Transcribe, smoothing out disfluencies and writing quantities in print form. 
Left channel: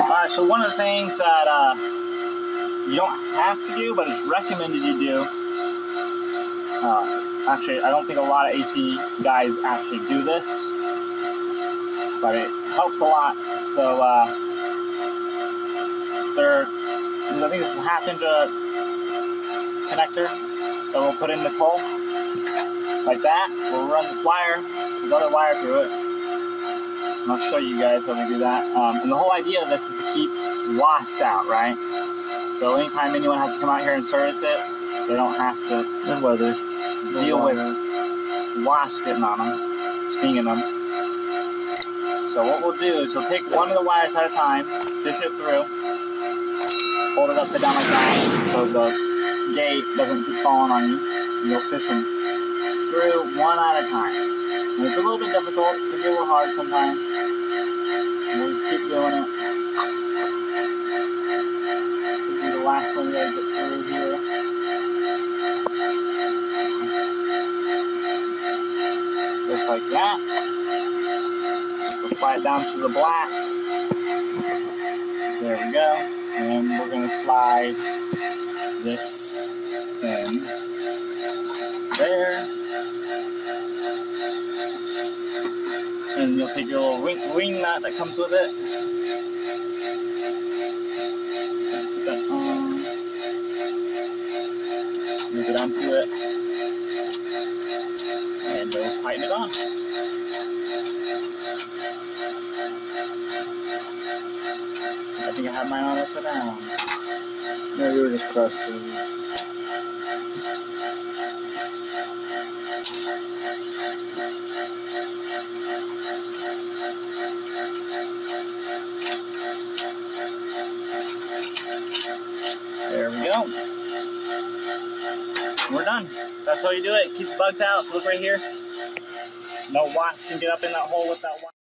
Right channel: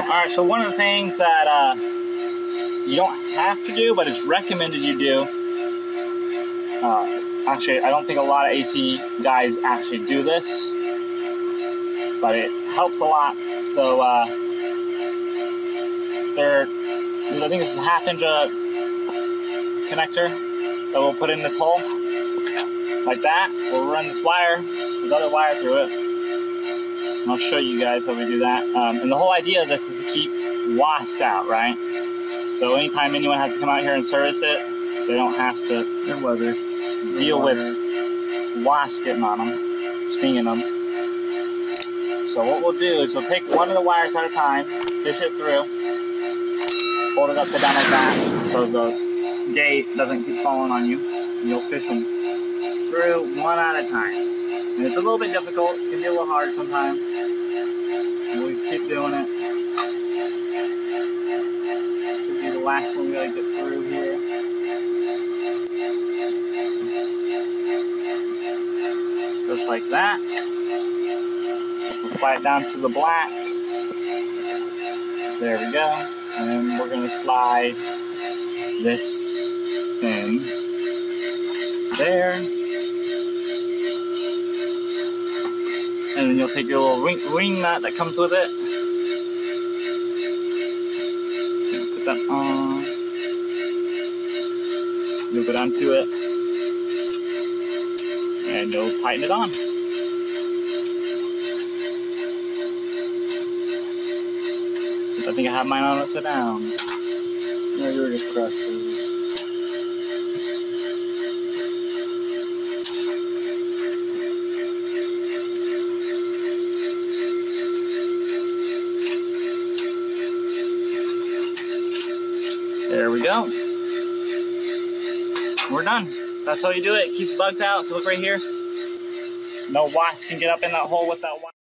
Alright, so one of the things that you don't have to do, but it's recommended you do. Actually, I don't think a lot of AC guys actually do this, but it helps a lot. So, I think this is a 1/2 inch connector that we'll put in this hole, like that. We'll run this wire, this other wire through it, and I'll show you guys how we do that. And the whole idea of this is to keep wasps out, right? So anytime anyone has to come out here and service it, they don't have to deal with wasps getting on them, stinging them. So what we'll do is we'll take one of the wires at a time, fish it through, hold it upside down like that, so the gate doesn't keep falling on you. And you'll fish them through one at a time. And it's a little bit difficult, it can be a little hard sometimes. And we'll just keep doing it. This will be the last one we gotta get through here. Just like that. We'll slide down to the black. There we go. And then we're going to slide this in there. And then you'll take your little ring nut that comes with it. And put that on. You'll go down to it. And you'll tighten it on. I think I have mine on upside down. No, you were just crushed. There we go. We're done. That's how you do it. Keep the bugs out. So look right here. No wasps can get up in that hole with that wire.